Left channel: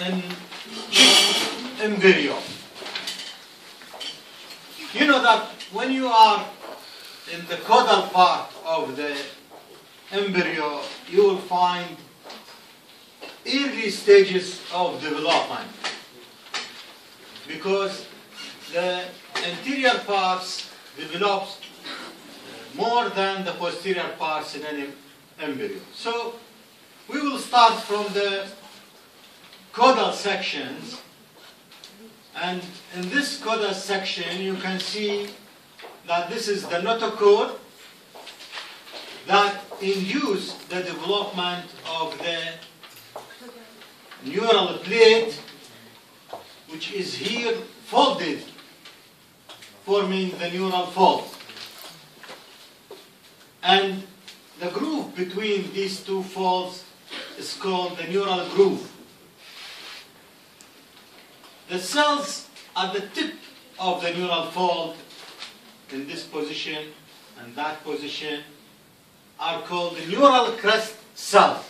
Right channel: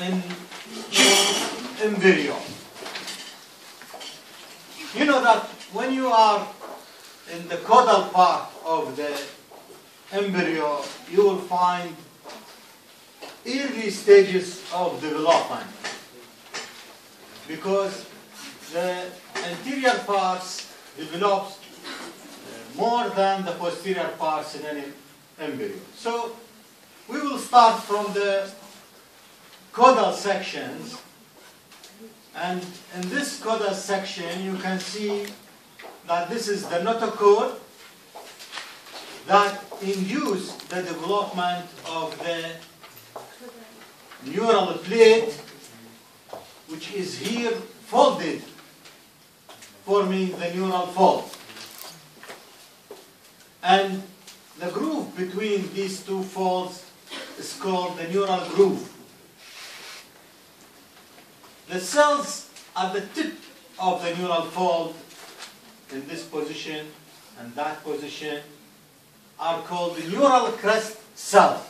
in embryo. You know that when you are in the caudal part of the embryo, you will find early stages of development, because the anterior parts develops more than the posterior parts in an embryo. So we will start from the caudal sections, and in this caudal section you can see that this is the notochord that induce the development of the neural plate, which is here folded, forming the neural fold. And the groove between these two folds is called the neural groove. The cells at the tip of the neural fold, in this position and that position, are called the neural crest cells.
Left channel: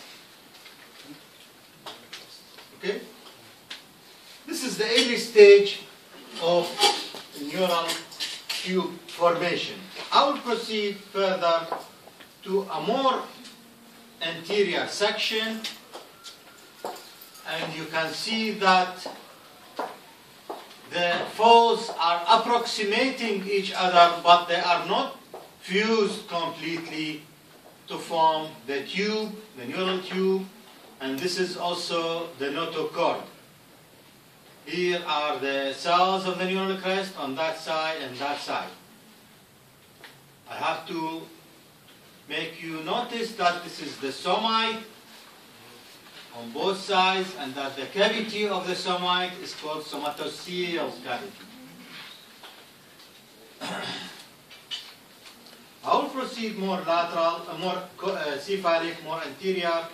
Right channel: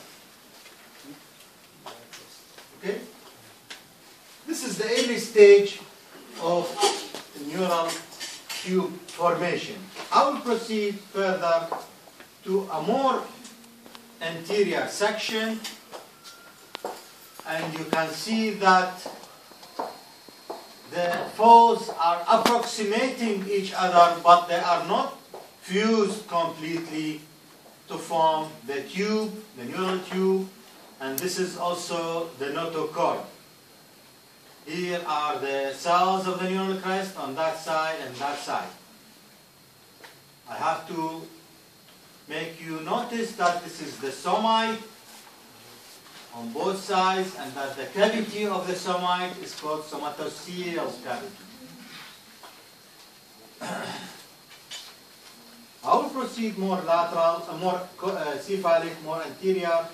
Okay? This is the early stage of neural tube formation. I will proceed further to a more anterior section, and you can see that the folds are approximating each other, but they are not fused completely to form the tube, the neural tube, and this is also the notochord. Here are the cells of the neural crest on that side and that side. I have to make you notice that this is the somite on both sides, and that the cavity of the somite is called somatocele cavity. I will proceed more lateral, more cephalic, more anterior,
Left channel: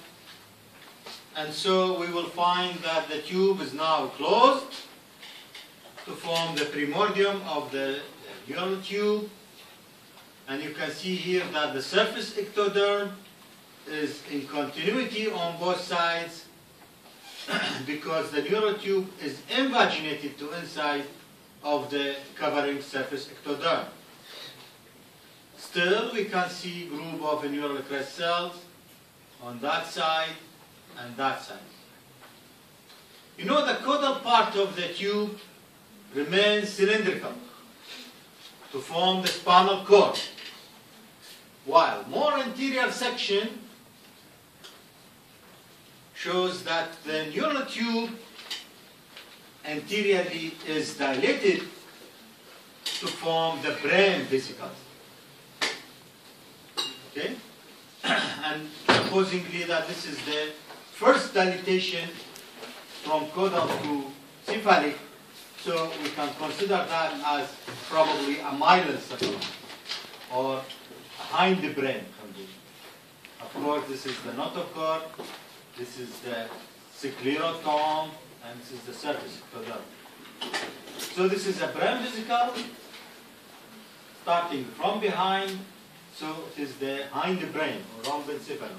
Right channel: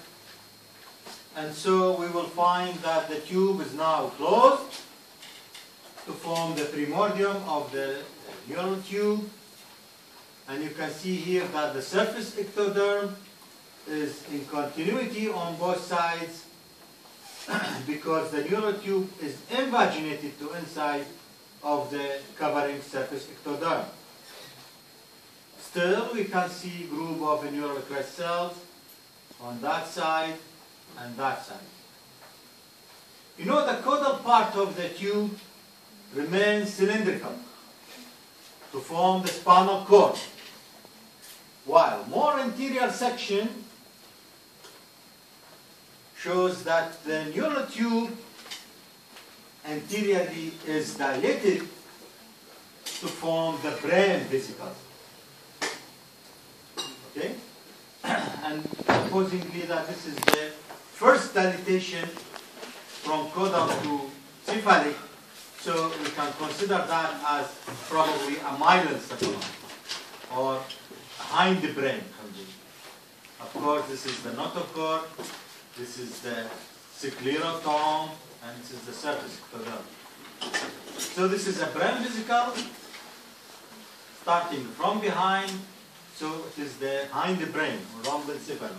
and so we will find that the tube is now closed to form the primordium of the neural tube. And you can see here that the surface ectoderm is in continuity on both sides because the neural tube is invaginated to inside of the covering surface ectoderm. Still, we can see group of neural crest cells on that side and that side. You know, the caudal part of the tube remains cylindrical to form the spinal cord, while more anterior section shows that the neural tube anteriorly is dilated to form the brain vesicles. Okay? And supposingly that this is the first dilatation from caudal to cephalic, so we can consider that as probably a myelencephalon or hind brain condition. Of course, this is the notochord, this is the sclerotome, and this is the surface ectoderm. So this is a brain vesicle starting from behind, so it is the hind brain or rhombencephalon.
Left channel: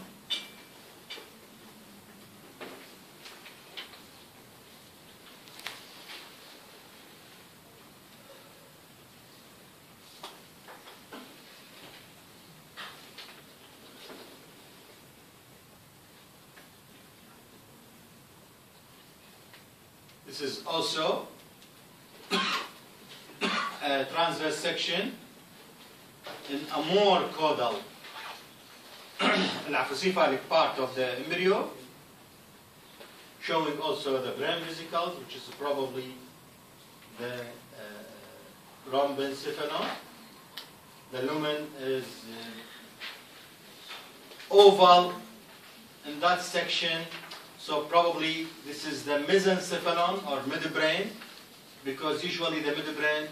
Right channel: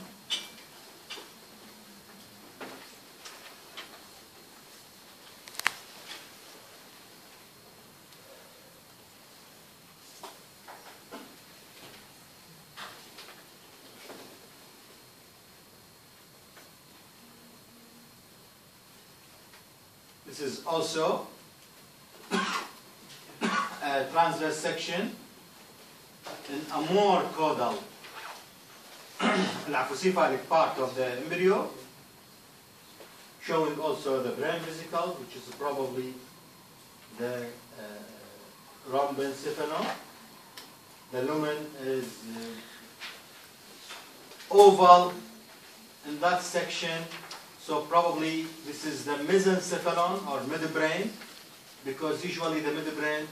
This is also a transverse section in a more caudal laphocephalic part of the embryo, showing also the brain vesicles, which is probably the rhombencephalon. The lumen is oval in that section. So probably this is the mesencephalon or midbrain, because usually the midbrain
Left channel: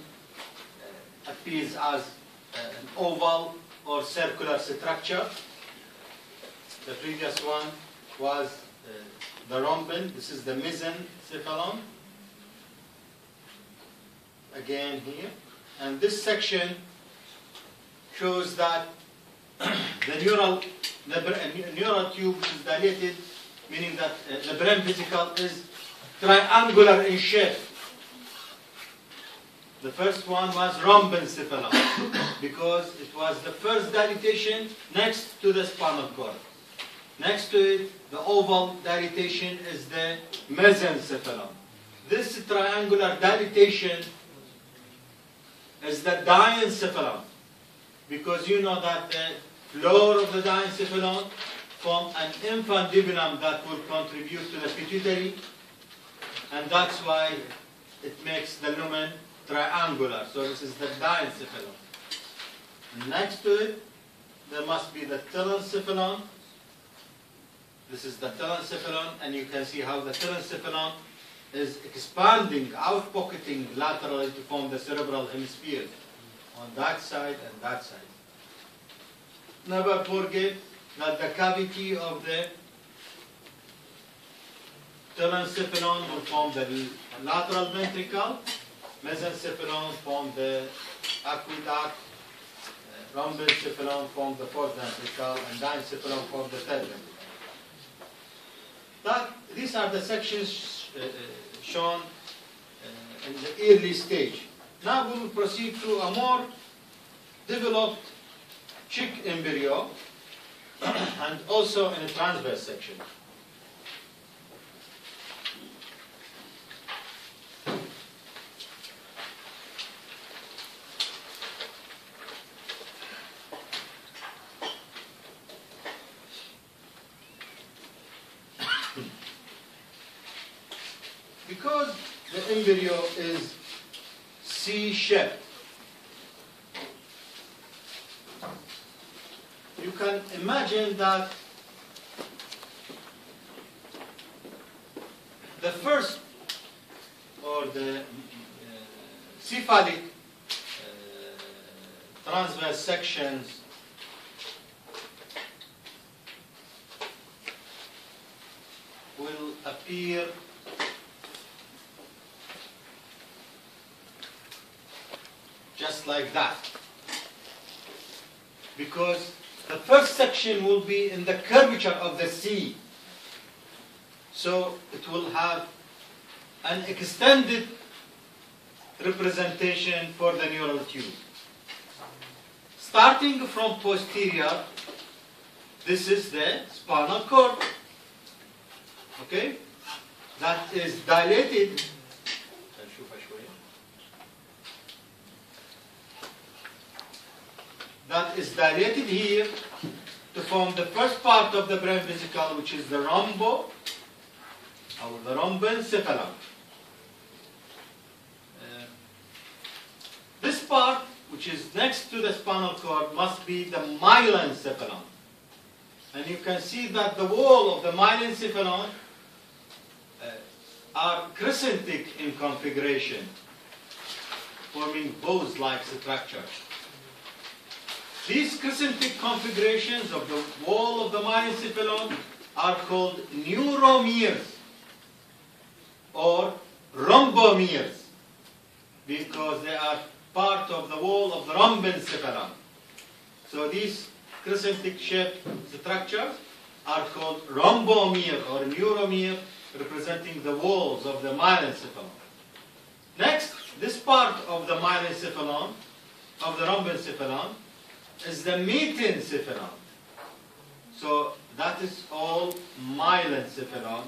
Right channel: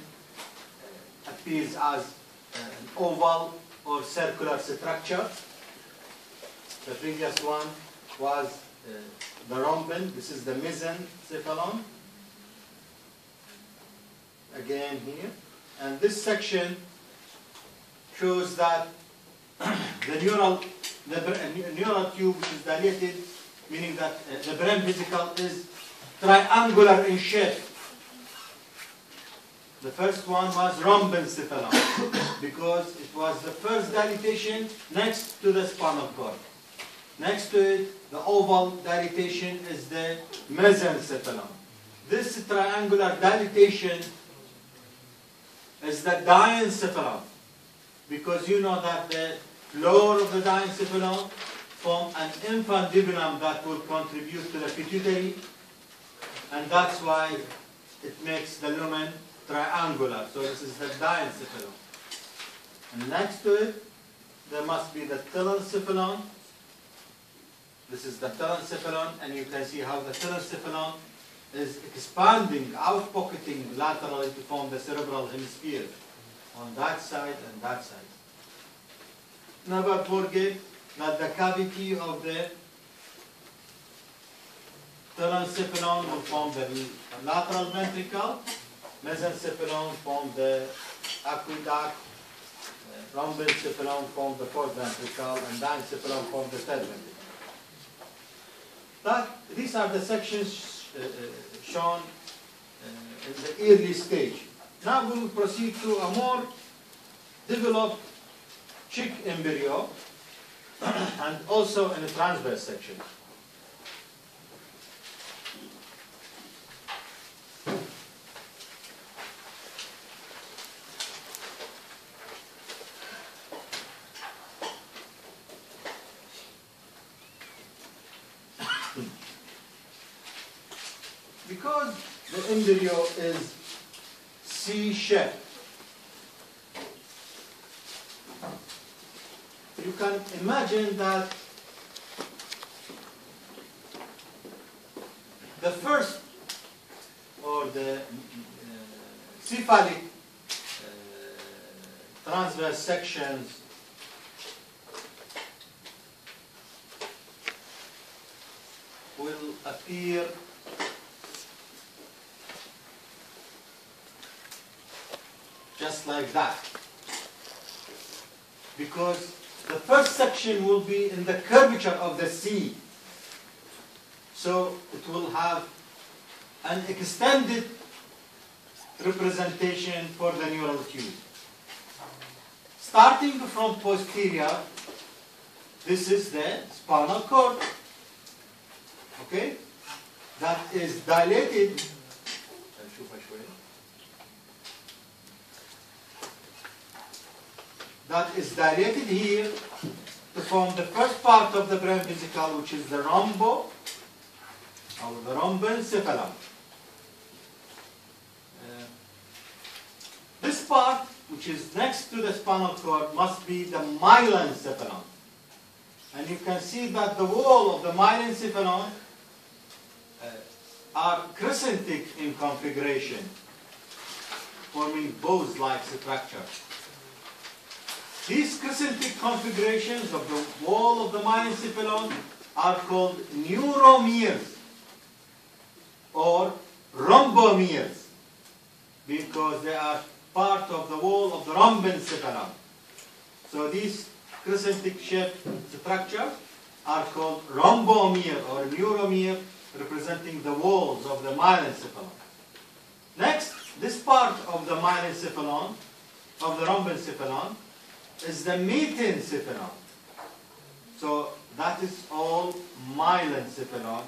appears as an oval or circular structure. The previous one was the rhomben. This is the mesencephalon. Again here. And this section shows that the neural tube, which is dilated, meaning that the brain vesicle is triangular in shape. The first one was rhombencephalon because it was the first dilatation next to the spinal cord. Next to it, the oval dilatation is the mesencephalon. This triangular dilatation is the diencephalon because you know that the floor of the diencephalon form an infundibulum that will contribute to the pituitary, and that's why it makes the lumen triangular. So this is the diencephalon. And next to it, there must be the telencephalon. This is the telencephalon, and you can see how the telencephalon is expanding, out-pocketing laterally to form the cerebral hemisphere on that side and that side. Never forget that the cavity of the telencephalon will form the lateral ventricle, mesencephalon form the aqueduct, rhombencephalon form the fourth ventricle, and diencephalon form the third ventricle. These are the sections shown in the early stage. Now we will proceed to a more developed chick embryo and also in a transverse section. Because the embryo is C-shaped, you can imagine that the first or the cephalic transverse sections will appear just like that, because the first section will be in the curvature of the C, so it will have an extended representation for the neural tube. Starting from posterior, this is the spinal cord, okay, that is dilated. That is dilated here to form the first part of the brain vesicle, which is the rhombo, or the rhombencephalon. This part, which is next to the spinal cord, must be the myelencephalon. And you can see that the wall of the myelencephalon are crescentic in configuration, forming bows-like structure. These crescentic configurations of the wall of the myelencephalon are called neuromeres or rhombomeres because they are part of the wall of the rhombencephalon. So these crescentic shaped structures are called rhombomere or neuromere, representing the walls of the myelencephalon. Next, this part of the myelencephalon, of the rhombencephalon, is the metencephalon. So that is all myelencephalon,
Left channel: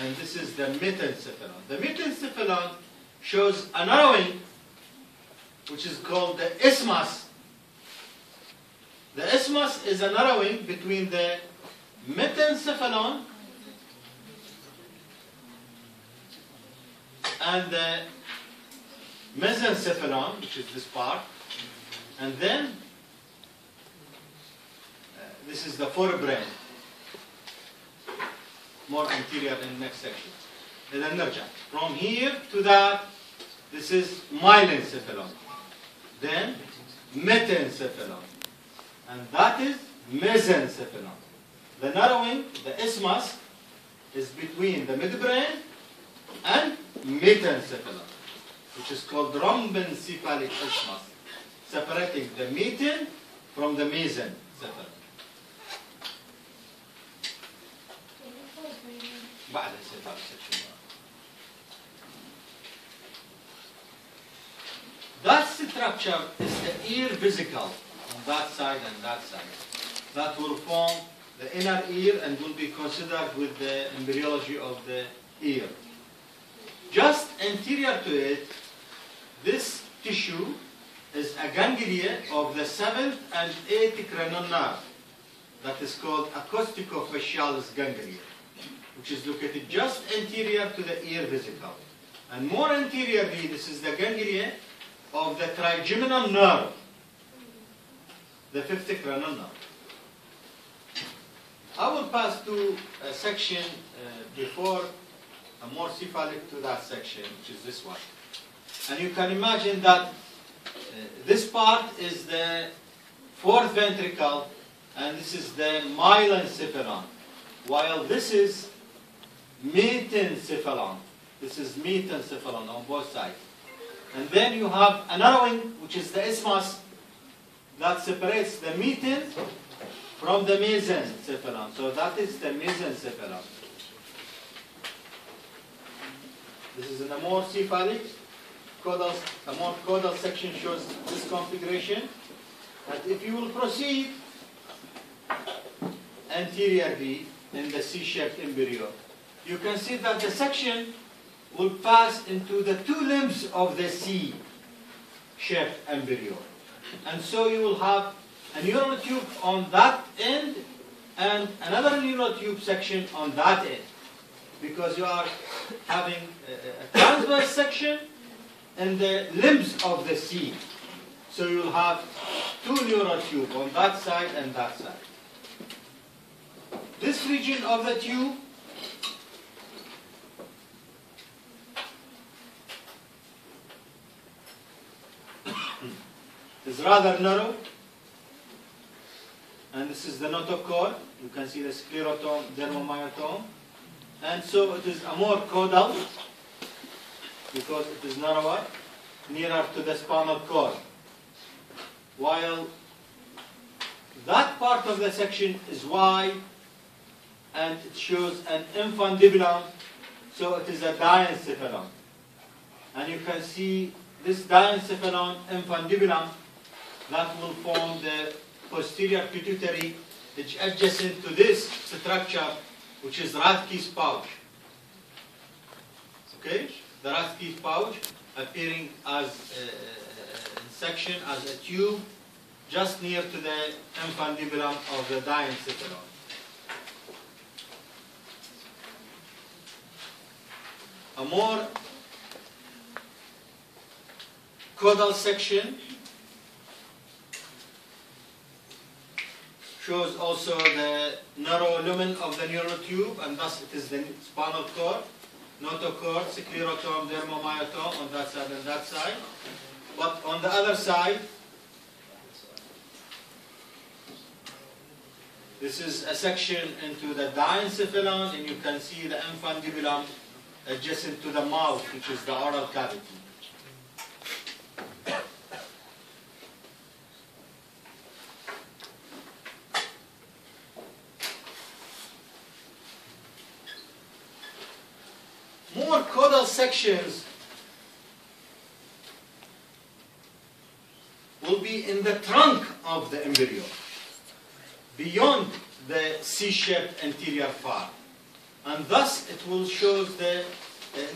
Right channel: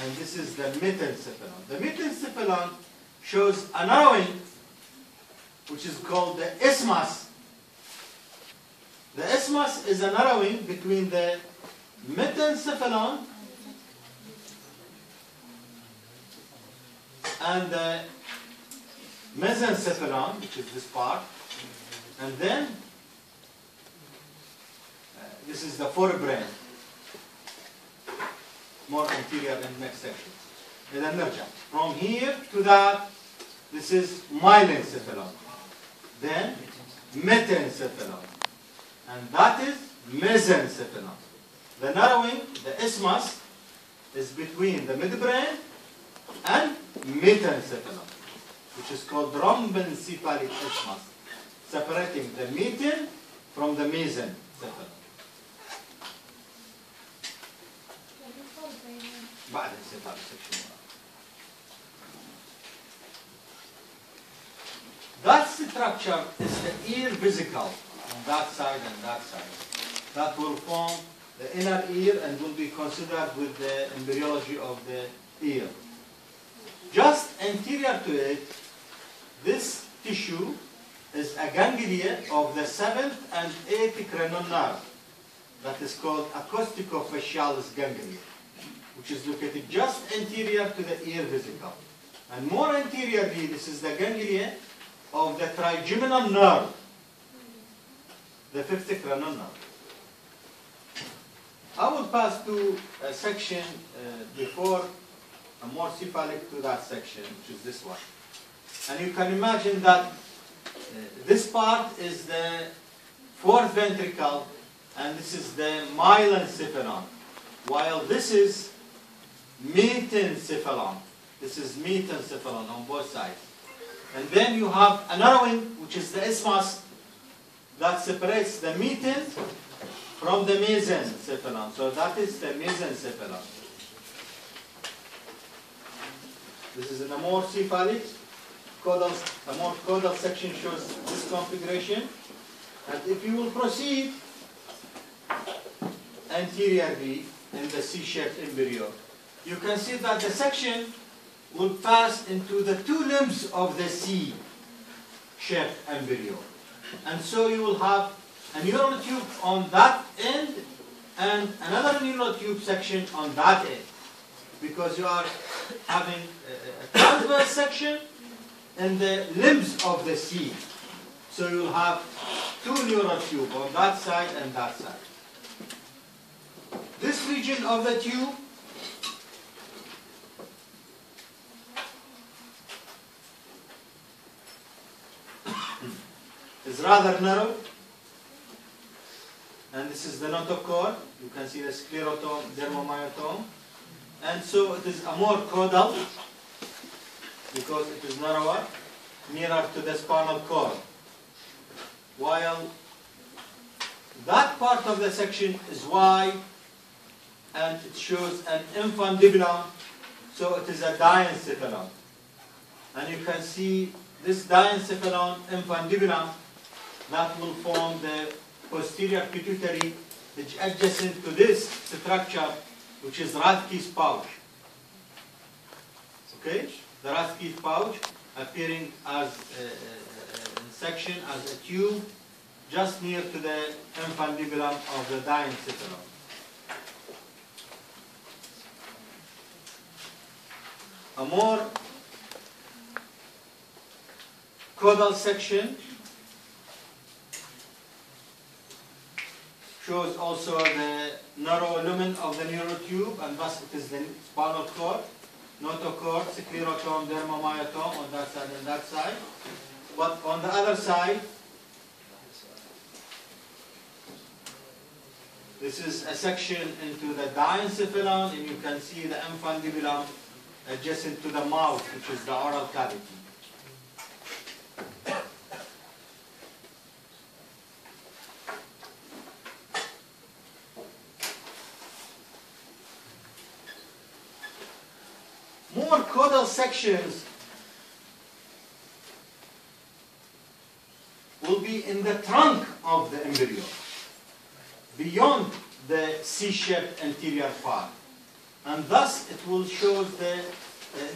and this is the metencephalon. The metencephalon shows a narrowing, which is called the isthmus. The isthmus is a narrowing between the metencephalon and the mesencephalon, which is this part, and then this is the forebrain, more anterior in the next section. The nerve. From here to that, this is myelencephalon. Then metencephalon. And that is mesencephalon. The narrowing, the isthmus, is between the midbrain and metencephalon, which is called rhombencephalic isthmus, separating the meten from the mesencephalon. بعد السيطرة section. structure is the ear vesicle on that side and that side. That will form the inner ear and will be considered with the embryology of the ear. Just anterior to it, this tissue is a ganglia of the 7th and 8th cranial nerve that is called acousticofacialis ganglia, which is located just anterior to the ear vesicle. And more anteriorly, this is the ganglia of the trigeminal nerve, the 5th cranial nerve. I will pass to a section before, a more cephalic to that section, which is this one. And you can imagine that this part is the 4th ventricle, and this is the myelencephalon, while this is metencephalon. This is metencephalon on both sides. And then you have a narrowing, which is the isthmus, that separates the meten from the mesencephalon. So that is the mesencephalon. This is a more cephalic. A more caudal section shows this configuration. And if you will proceed anteriorly in the C-shaped embryo, you can see that the section will pass into the 2 limbs of the C-shaped embryo. And so you will have a neural tube on that end and another neural tube section on that end, because you are having a transverse section in the limbs of the C. So you will have 2 neural tubes on that side and that side. This region of the tube is rather narrow, and this is the notochord. You can see the sclerotome, dermomyotome, and so it is a more caudal because it is narrower, nearer to the spinal cord, while that part of the section is wide and it shows an infundibulum, so it is a diencephalon. And you can see this diencephalon infundibulum that will form the posterior pituitary adjacent to this structure, which is Rathke's pouch. Okay? The Rathke's pouch appearing as in section as a tube just near to the infundibulum of the diencephalon. A more caudal section shows also the narrow lumen of the neural tube, and thus it is the spinal cord, notochord, sclerotome, dermomyotome on that side and that side. But on the other side, this is a section into the diencephalon, and you can see the infundibulum adjacent to the mouth, which is the oral cavity. More caudal sections will be in the trunk of the embryo, beyond the C-shaped anterior part. And thus it will show the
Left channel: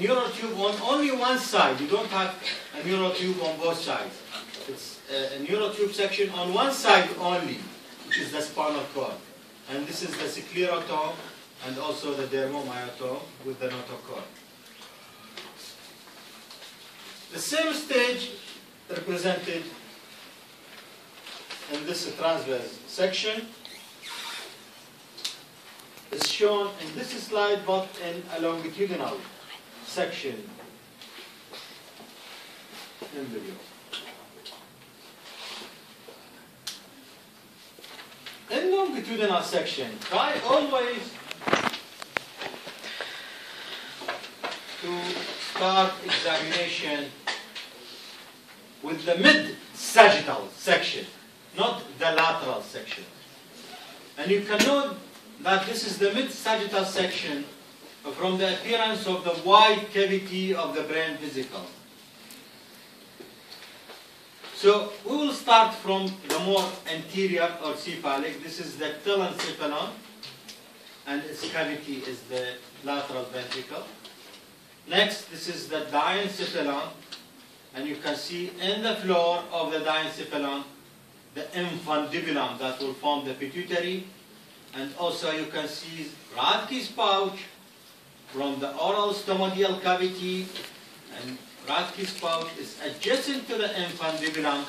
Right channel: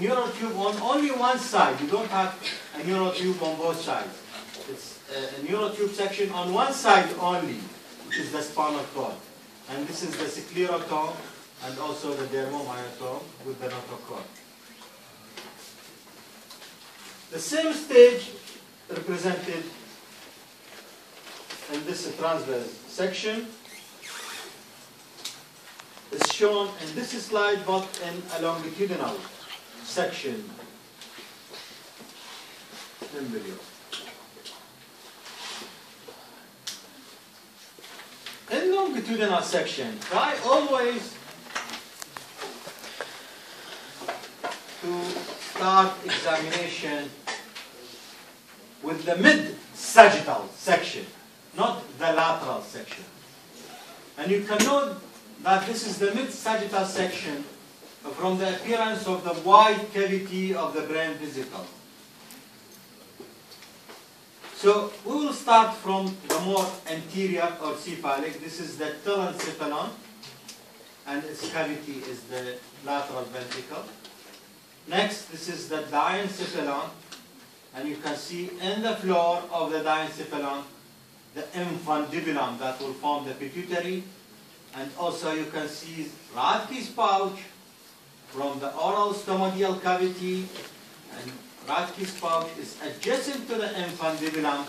neural tube on only one side. You don't have a neural tube on both sides. It's a neural tube section on one side only, which is the spinal cord. And this is the sclerotome and also the dermomyotome with the notochord. The same stage represented in this transverse section is shown in this slide, but in a longitudinal section embryo. In longitudinal section, try always to start examination with the mid-sagittal section, not the lateral section. And you can note that this is the mid-sagittal section from the appearance of the wide cavity of the brain vesicle. So we will start from the more anterior or cephalic. This is the telencephalon, and its cavity is the lateral ventricle. Next, this is the diencephalon, and you can see in the floor of the diencephalon the infundibulum that will form the pituitary, and also you can see Rathke's pouch from the oral stomatal cavity, and Rathke's pouch is adjacent to the infundibulum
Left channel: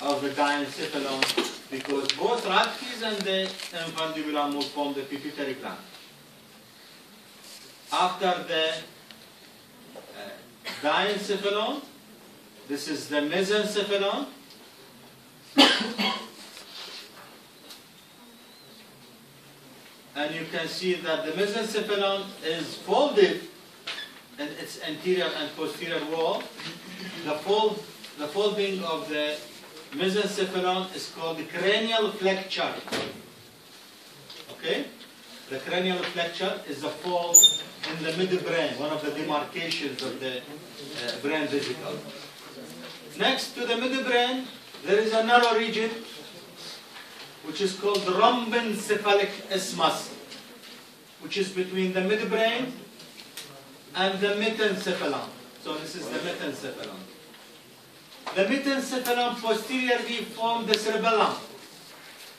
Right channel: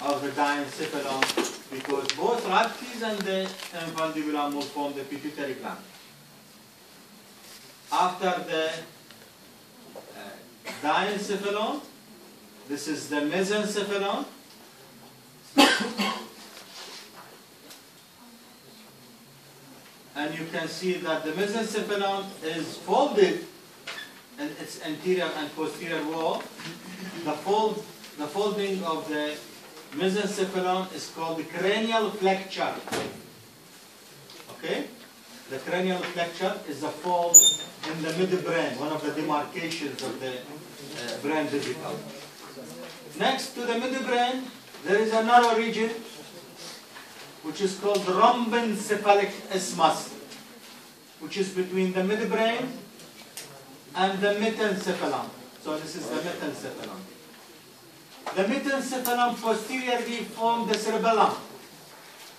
of the diencephalon because both Rathke's and the infundibulum will form the pituitary gland. After the diencephalon, this is the mesencephalon. And you can see that the mesencephalon is folded in its anterior and posterior wall. The folding of the mesencephalon is called the cranial flexure. Okay? The cranial flexure is a fold in the midbrain, one of the demarcations of the brain vesicle. Next to the midbrain, there is a narrow region which is called the rhombencephalic isthmus, which is between the midbrain and the metencephalon. So this is the metencephalon. The metencephalon posteriorly forms the cerebellum.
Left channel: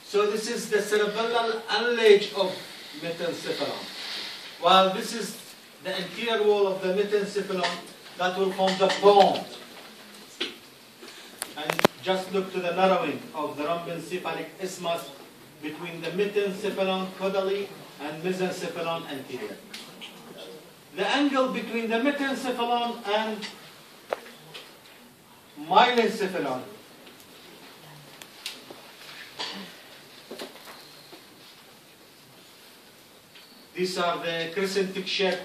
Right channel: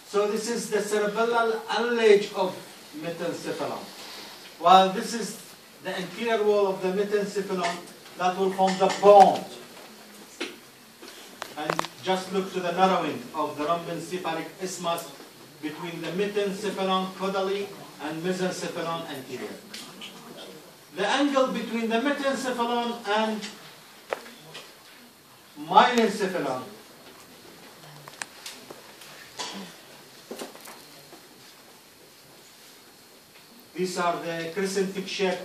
So this is the cerebellal allege of metencephalon. While this is the anterior wall of the metencephalon that will form the bone. And just look to the narrowing of the rhombencephalic isthmus between the metencephalon caudally and mesencephalon anterior. The angle between the metencephalon and myelencephalon these are the crescentic shaped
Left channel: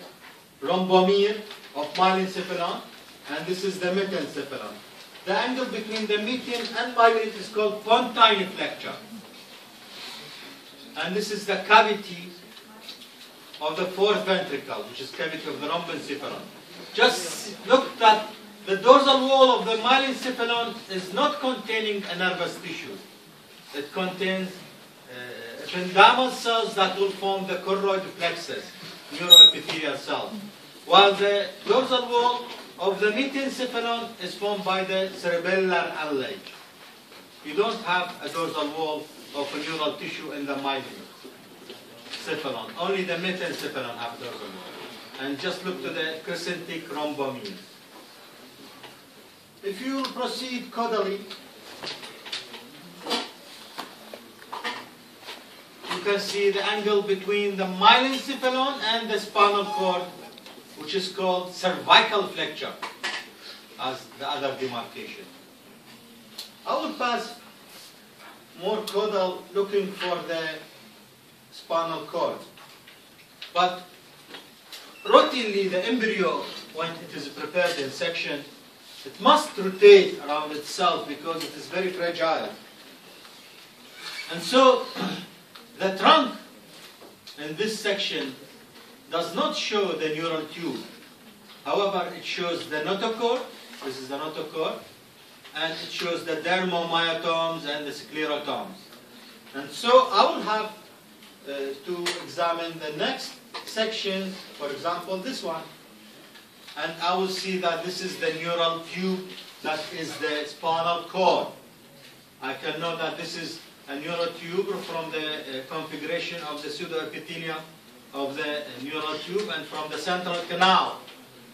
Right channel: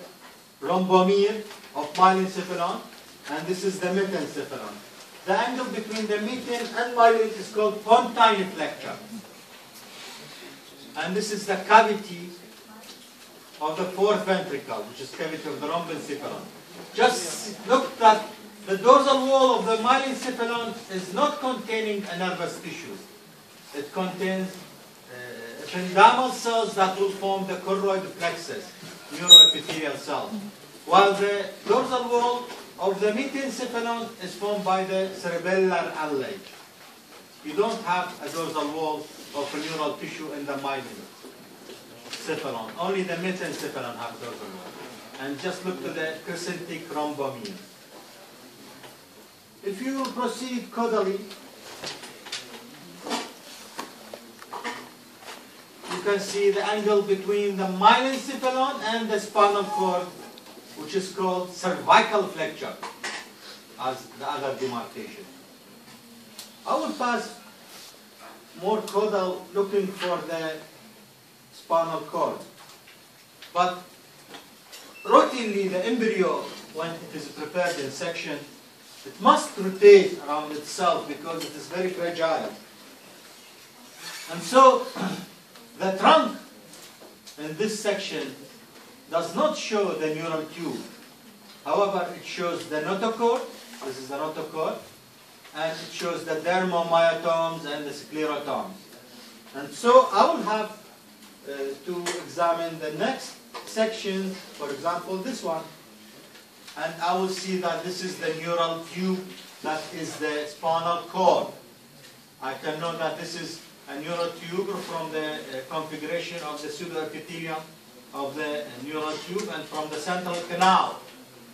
rhombomere of myelencephalon, and this is the metencephalon. The angle between the meten and myelin is called pontine flexure. And this is the cavity of the fourth ventricle, which is cavity of the rhombencephalon. Just look that the dorsal wall of the myelencephalon is not containing a nervous tissue. It contains ependymal cells that will form the choroid plexus, neuroepithelial cells. While the dorsal wall of the metencephalon is formed by the cerebellar allege. You don't have a dorsal wall of neural tissue in the myelencephalon. Only the metencephalon have dorsal wall. And just look to the crescentic rhombomere. If you proceed caudally, you can see the angle between the myelencephalon and the spinal cord, which is called cervical flexure, as the other demarcation. I will pass more caudal looking for the spinal cord. But routinely the embryo, when it is prepared in section, it must rotate around itself because it is very fragile. And so the trunk in this section does not show the neural tube. However, it shows the notochord. This is the notochord. And it shows the dermomyotomes and the sclerotomes. And so I will have to examine the next section, for example, this one. And I will see that this is the neural tube, that is the spinal cord. I can know that this is a neural tube from the configuration of the pseudoepithelium of the neural tube and from the central canal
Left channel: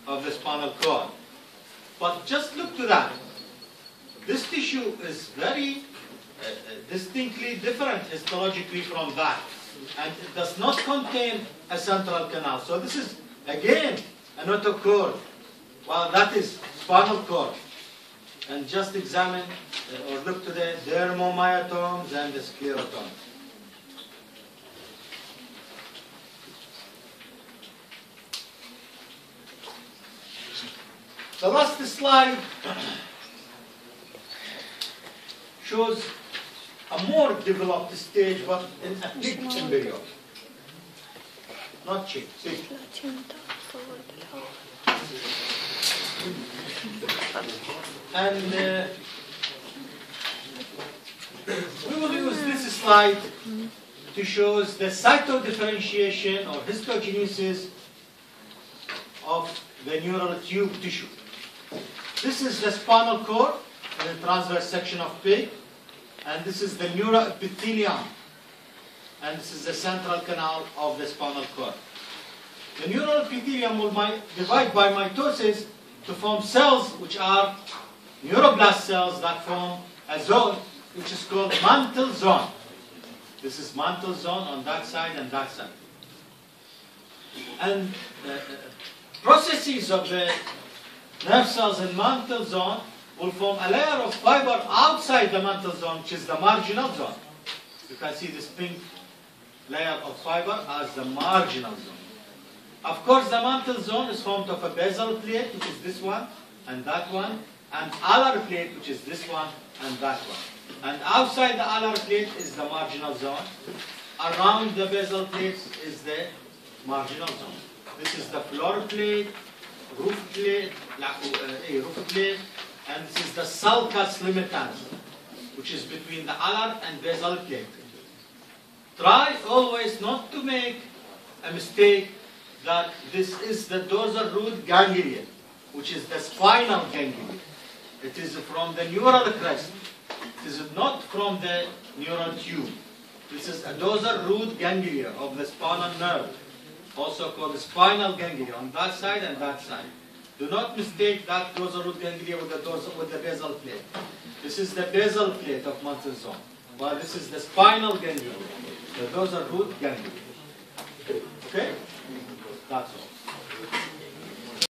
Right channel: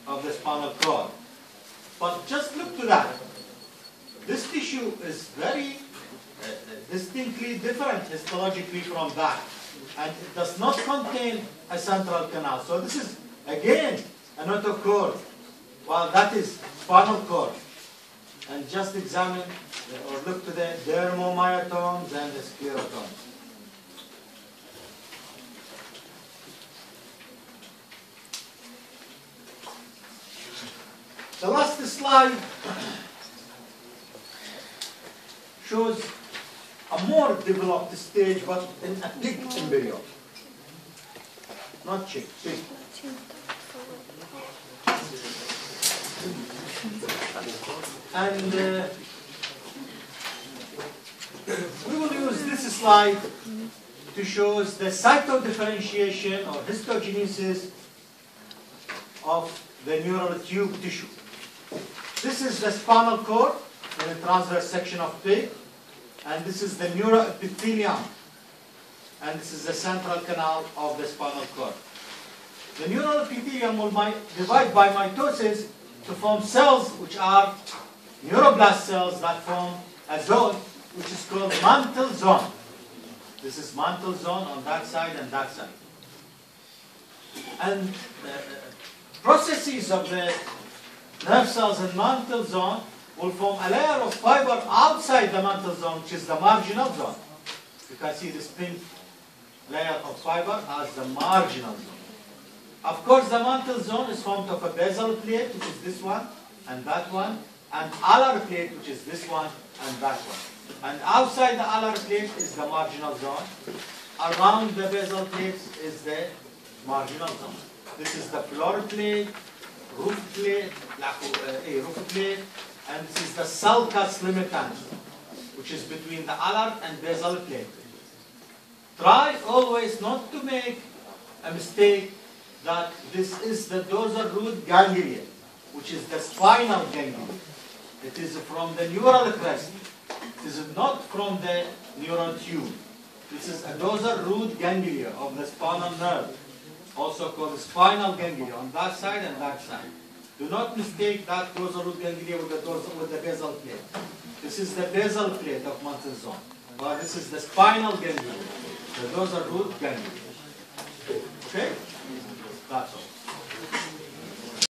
of the spinal cord. But just look to that. This tissue is very distinctly different histologically from that. And it does not contain a central canal. So this is, again, a notochord, while that is spinal cord. And just examine or look to the dermomyotomes and the sclerotomes. The last slide shows a more developed stage, but in a pig embryo. Not chick, pig. And slide to show the cytodifferentiation or histogenesis of the neural tube tissue. This is the spinal cord in the transverse section of pig, and this is the neuroepithelium, and this is the central canal of the spinal cord. The neural epithelium will divide by mitosis to form cells which are neuroblast cells that form a zone which is called mantle zone. This is mantle zone on that side and that side. And processes of the nerve cells in mantle zone will form a layer of fiber outside the mantle zone, which is the marginal zone. You can see this pink layer of fiber as the marginal zone. Of course, the mantle zone is formed of a basal plate, which is this one and that one, and alar plate, which is this one and that one. And outside the alar plate is the marginal zone. Around the basal plates is the marginal zone. This is the floor plate, roof plate, and this is the sulcus limitans, which is between the alar and basal plate. Try always not to make a mistake that this is the dorsal root ganglia, which is the spinal ganglia. It is from the neural crest. It is not from the neural tube. This is a dorsal root ganglia of the spinal nerve, also called the spinal ganglia on that side and that side. Do not mistake that dorsal root ganglia with the basal plate. This is the basal plate of mantle zone, while this is the spinal ganglia, the dorsal root ganglia. Okay? That's all.